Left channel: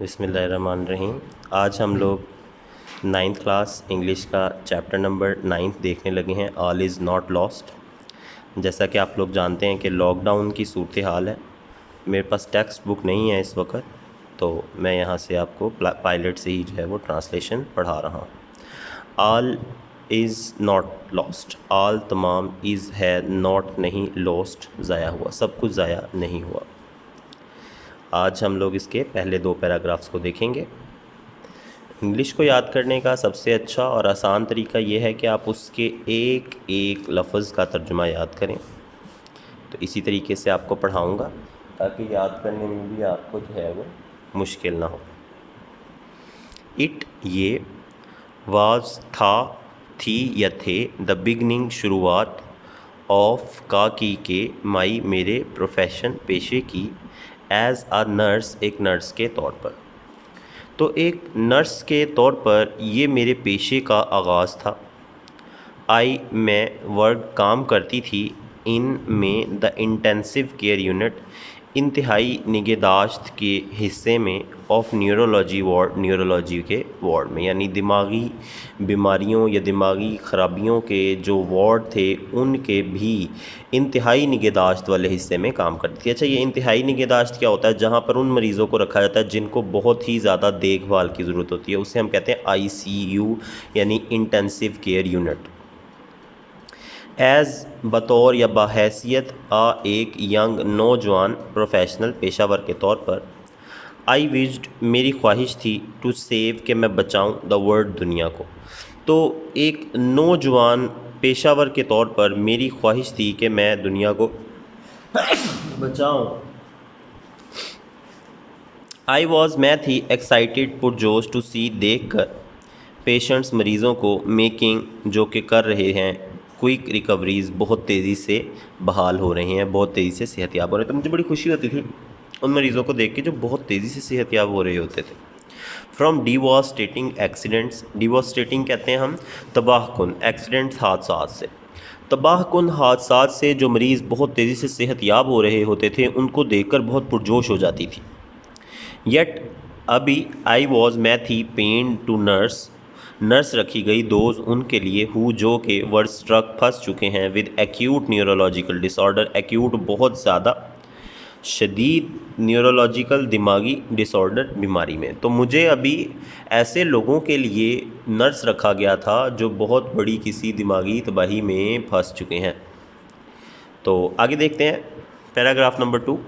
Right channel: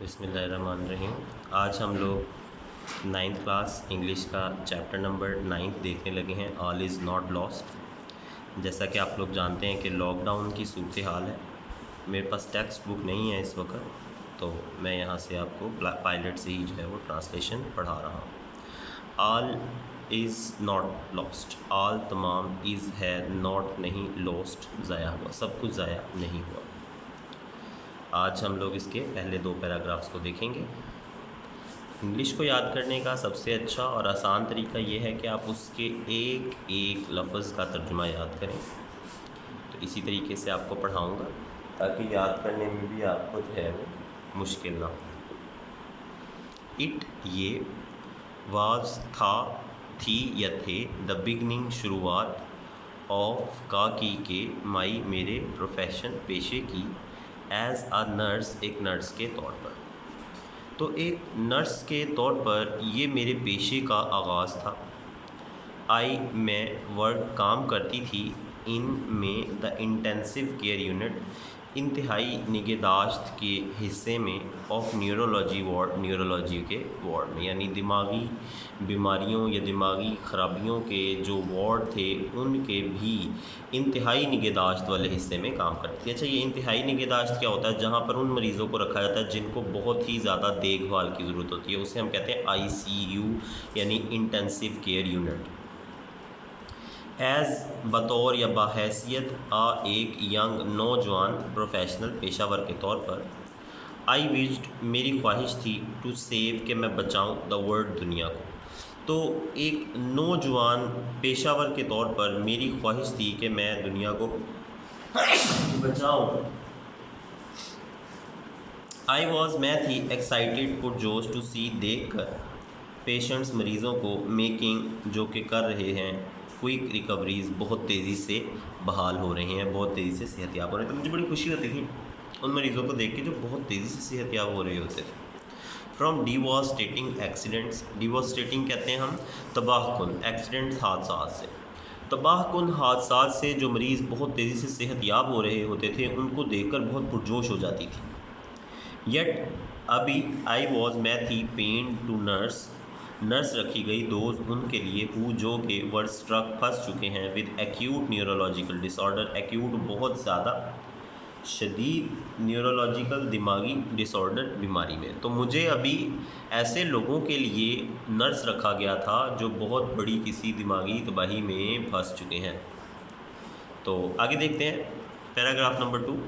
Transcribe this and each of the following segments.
बिस्मिल्लाहिर्रहमानिर्रहीम। आज हम लोग नाइन्थ क्लास इंग्लिश का चैप्टर नंबर 9 देखने लगे हैं, ऑल इज़ नॉट लॉस्ट। जैसा कि आप लोग जानते हैं कि लॉकडाउन की सूरत हाल है। मेरे पास टेक्स्ट बुक नहीं है इस वक्त, तो मैं यहाँ से आपको पायलट से ही जो है वो ट्रांसलेशन पढ़ा रहा हूँ। All is not lost, all तमाम, इज़ है, नॉट नहीं, लॉस्ट ज़ाया हुआ, सब कुछ ज़ाया नहीं हुआ। आज हम लोग इसके पहले 2 पैराग्राफ्स को देखेंगे। इंग्लिश को याद करने का सबसे अच्छा और आसान तरीका ये है कि आप उसके एक एक लफ्ज़ का तर्जुमा याद करें। तो इसी तरीके से आपको पढ़ाऊँगा ताकि याद करने में भी आपको जो है वो मुश्किल ना हो। इट, ये, वाज, था, थी या थे, द बिगनिंग, शुरुआत, ऑफ, का, की, के, माई, मेरे, प्रोफेशन, पेशे की, एज़ आ नर्स, एक नर्स के तौर पर। तो एक नर्स के तौर पर ये मेरे पेशे का आगाज़ था। आई, मैं, वर्क, काम करती थी, इन, में, द इंटेंसिव केयर यूनिट, इंतहाई निगहदाश्त के हिस्से में, ऑफ न्यूरोलॉजी वार्ड, न्यूरोलॉजी के वार्ड में, यानी दिमागी बीमारियों या दिमागी ख़राबियों के जो वार्ड थे उनके भी इंतहाई निगहदाश्त वाले हिस्से में काम करती थी। अच्छा, ये इंतहाई निगहदाश्त क्या होता है? जहाँ पर उन मरीज़ों को रखा जाता है जिनको बहुत ही ज़्यादा देखभाल की ज़रूरत होती है, उसे हम कहते हैं ICU, यानी इंटेंसिव केयर यूनिट। एज़, बतौर या बहैसियत एक यंग, नौजवान, प्रोफेशनल, पेशावर के तौर पर। आई विज्ड, मेरी ख्वाहिश थी, टू सेव, कि मैं बचाऊं, द वर्ल्ड, दुनिया को। तो एक नौजवान पेशावर के तौर पर मेरी ख्वाहिश थी कि मैं दुनिया को बचाऊं। आई वॉज, मैं थी, एक्साइटेड, पुरजोश, टू सी, देख कर, पेशेंट्स, मरीज़ों को, मेकिंग, जो कि कर रहे हैं, क्विक रिकवरीज़, बहुत तेज़ी से बहाल हो रहे हैं, बहुत तेज़ी से सेहतयाब हो रहे हैं। तो मुझे बड़ी खुशी होती थी उन मरीज़ों को देख के जो बहुत तेज़ी से सेहतयाब हो रहे होते थे। फ्रॉम डिवास्टेटिंग एक्सीडेंट्स, डिवास्टेटिंग कहते हैं हम तबाहकुन, एक्सीडेंट्स, हादसा से, तबाहकुन हादसा से जो मरीज़ बहुत तेज़ी से सेहतयाब हो रहे होते थे उनको देखकर बहुत पुरजोश हो जाती थी। येट, अभी, आई वॉज, मैं थी, पेन, टू नर्स, नर्स रखी गई, दोज, उनके लिए, हु, जो के, वर स्ट्रक, फंस चुके हैं, with acute neurological disorder, acute, बहुत ज़्यादा, शदीद, न्यूरोलॉजिकल, दिमागी डिसऑर्डर, बीमारी में। तो मुझे अभी ऐसे लोगों के लिए नर्स रखा गया था जो बहुत बड़ी किसी दिमागी तबाही में फंस चुके हैं। तो आगे देखते हैं पैराग्राफ नंबर 2।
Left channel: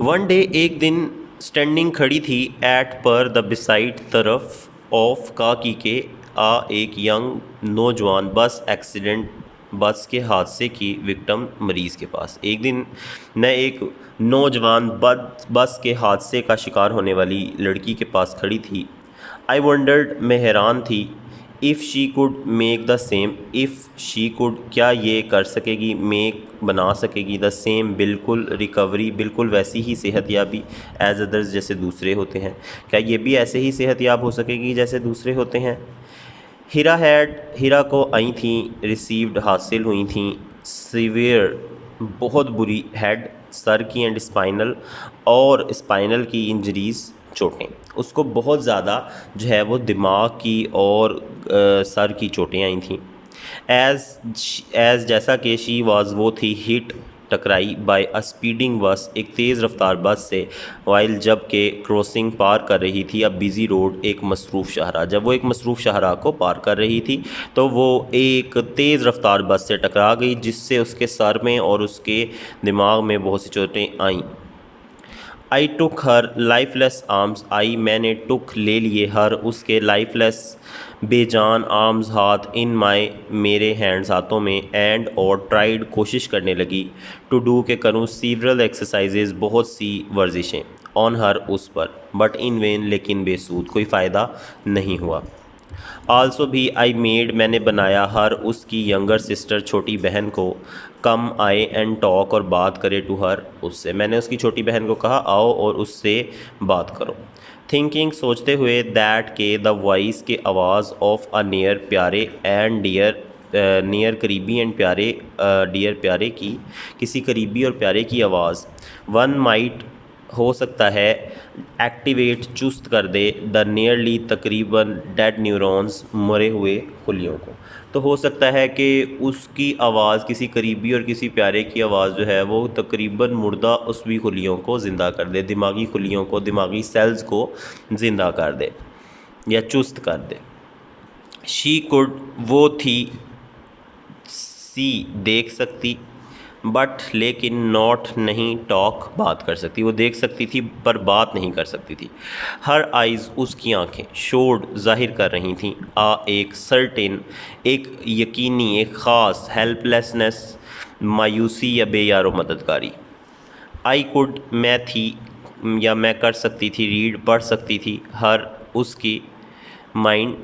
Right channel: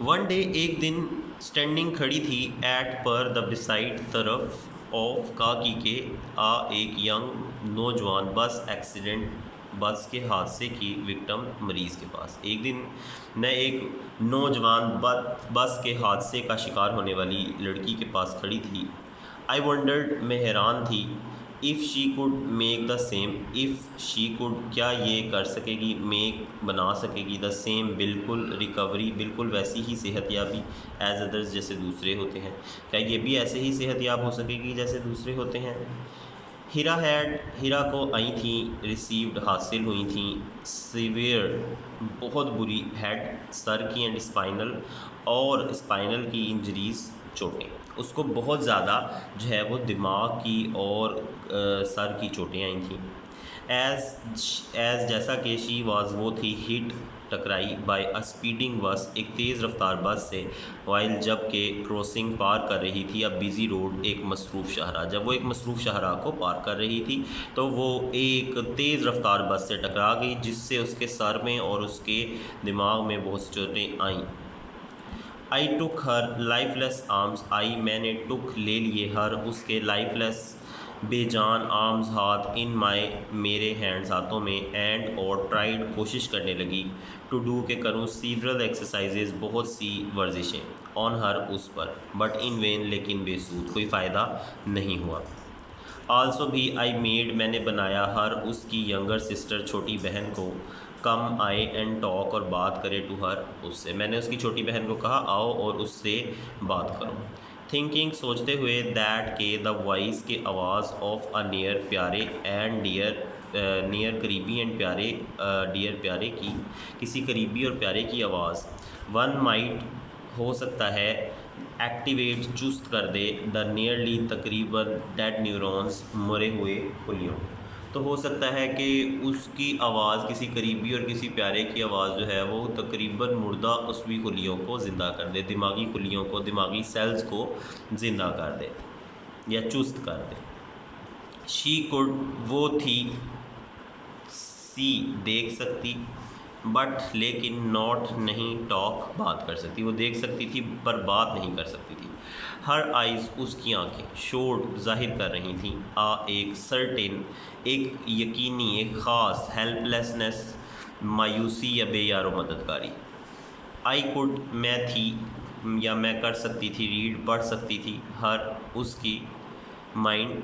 वन डे, एक दिन, स्टैंडिंग, खड़ी थी, एट, पर, द, बिसाइड, तरफ, ऑफ, का, की, के, एक यंग, नौजवान, बस एक्सीडेंट, बस के हादसे की विक्टिम, मरीज़ के पास। एक दिन मैं एक नौजवान बस के हादसे का शिकार होने वाली लड़की के पास खड़ी थी। आई वंडर्ड, मैं हैरान थी, if she could make the same, if she could, क्या ये कर सकेगी, मेक, बना सकेगी, द सेम, बिल्कुल, रिकवरी, बिल्कुल वैसी ही सेहतयाबी, एज अदर्स, जैसे दूसरे होते हैं, क्या ये भी ऐसे ही सेहतयाब हो सकेगी जैसे दूसरे होते हैं। हीरा हैड, हीरा को आई थी, रिसीव्ड, हासिल हुई थी, सीवियर, बहुत बुरी, हेड, सर की, एंड स्पाइनल, और स्पाइनल की, इंजरीज़, चोटें, उसको बहुत ज़्यादा जो है वो दिमाग की और सर की चोटें आई थी। एज़, जैसा कि शी वाज, वो थी, हिट, टकराई, बाय अ स्पीडिंग बस, एक तेज़ रफ्तार बस से, वाइल, जब के, क्रॉसिंग, पार कर रही थी, अब बिज़ी रोड, एक मसरूफ़ शाहरा, जब वो एक मसरूफ़ शाहरा को पार कर रही थी तो वो एक तेज़ रफ्तार बस से टकरा गई जिससे उसके सर में और उसके दिमाग में बहुत सी चोटें आईं। आई टुक हर लाइफलेस आर्म्स, आई, मैंने, टुक, ले लिए, हर, उसके, लाइफलेस, बेजान, आर्म्स, हाथ, इन माई, मेरे, हैंड्स, हाथों में, एंड, और, ट्राइड, कोशिश करने लगी, टू डू, के करूँ, सीवरल एक्सरसाइजेज, बहुत सी वर्जिशें, ऑन हर, उस पर, बट इन वेन, लेकिन बेसूद, कोई फ़ायदा नहीं हुआ। आल्सो भी, आई मेड, मैंने बनाया, हर, उसकी, यंगर सिस्टर, छोटी बहन को, कम, आए, एंड टॉक, और बात करे, टू हर, उससे, मैंने उसकी छोटी बहन को कहा आओ और उससे बात करो। थिंकिंग, सोचते हुए, दैट, के, द वॉइस, के, आवाज़, ऑफ अ नियर, प्यारे, एंड डियर, नियर, करीबी, एंड प्यारे, डियर, प्यारे की, किसी करीबी और प्यारे की आवाज़, वन माइट, हो सकता है एक्टिवेट चुस्त कर दे द नियरली तकरीबन डेड न्यूरॉन्स मरे हुए खुलियों को। तो हो सकता है कि उसकी आवाज़ किसी करीबी और किसी प्यारे की आवाज़ जो है वो तकरीबन मुर्दा उसवी खुलियों को ज़िंदा कर दे, दिमागी खुलियों को, दिमागी सेल्स को ज़िंदा कर दे या चुस्त कर दे। शी कुड वो थी, सी देख सकती, बट लेकिन नॉट नहीं टॉक बात कर सकती। वो देख सकती थी पर बात नहीं कर सकती थी। हर आइज़ उसकी आंखें शोड ज़ाहिर कर रही थीं आ एक सर्टेन, एक यकीनी, एक ख़ास हेल्पलेसनेस, मायूसी या बेयारो मददगारी। आई कुड मैं थी या मैं कर सकती थी, रीड पढ़ सकती थी, हर उसकी माइंड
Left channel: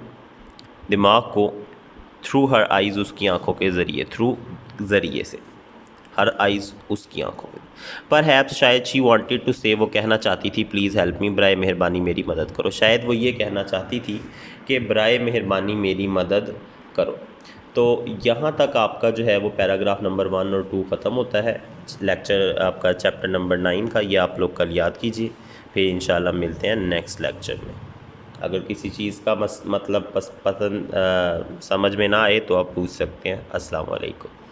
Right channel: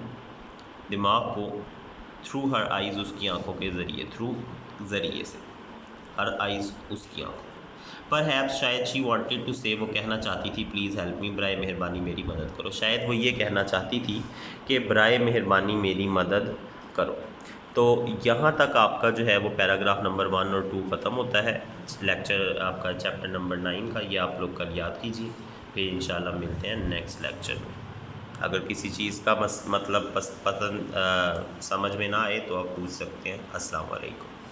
दिमाग को, थ्रू हर आइज़ उसकी आंखों के ज़रिए, थ्रू ज़रिए से, हर आइज़ उसकी आंखों में। पर हैप्स शायद शी वांटेड टू से, वो कहना चाहती थी प्लीज़ हेल्प मी, बराए मेहरबानी मेरी मदद करो। शायद वो ये कहना चाहती थी कि बराए मेहरबानी मेरी मदद करो। तो यहाँ तक आपका जो है वो पैराग्राफ नंबर 1 और 2 ख़त्म होता है। लेक्चर आपका चैप्टर नंबर 9 का, ये आप लोग कल याद कीजिए। फिर इंशाल्लाह मिलते हैं नेक्स्ट लेक्चर में। अगर किसी चीज़ का मतलब पसंद समझ में ना आए तो आप पूछ सकते हैं। अस्सलाम वालेकुम।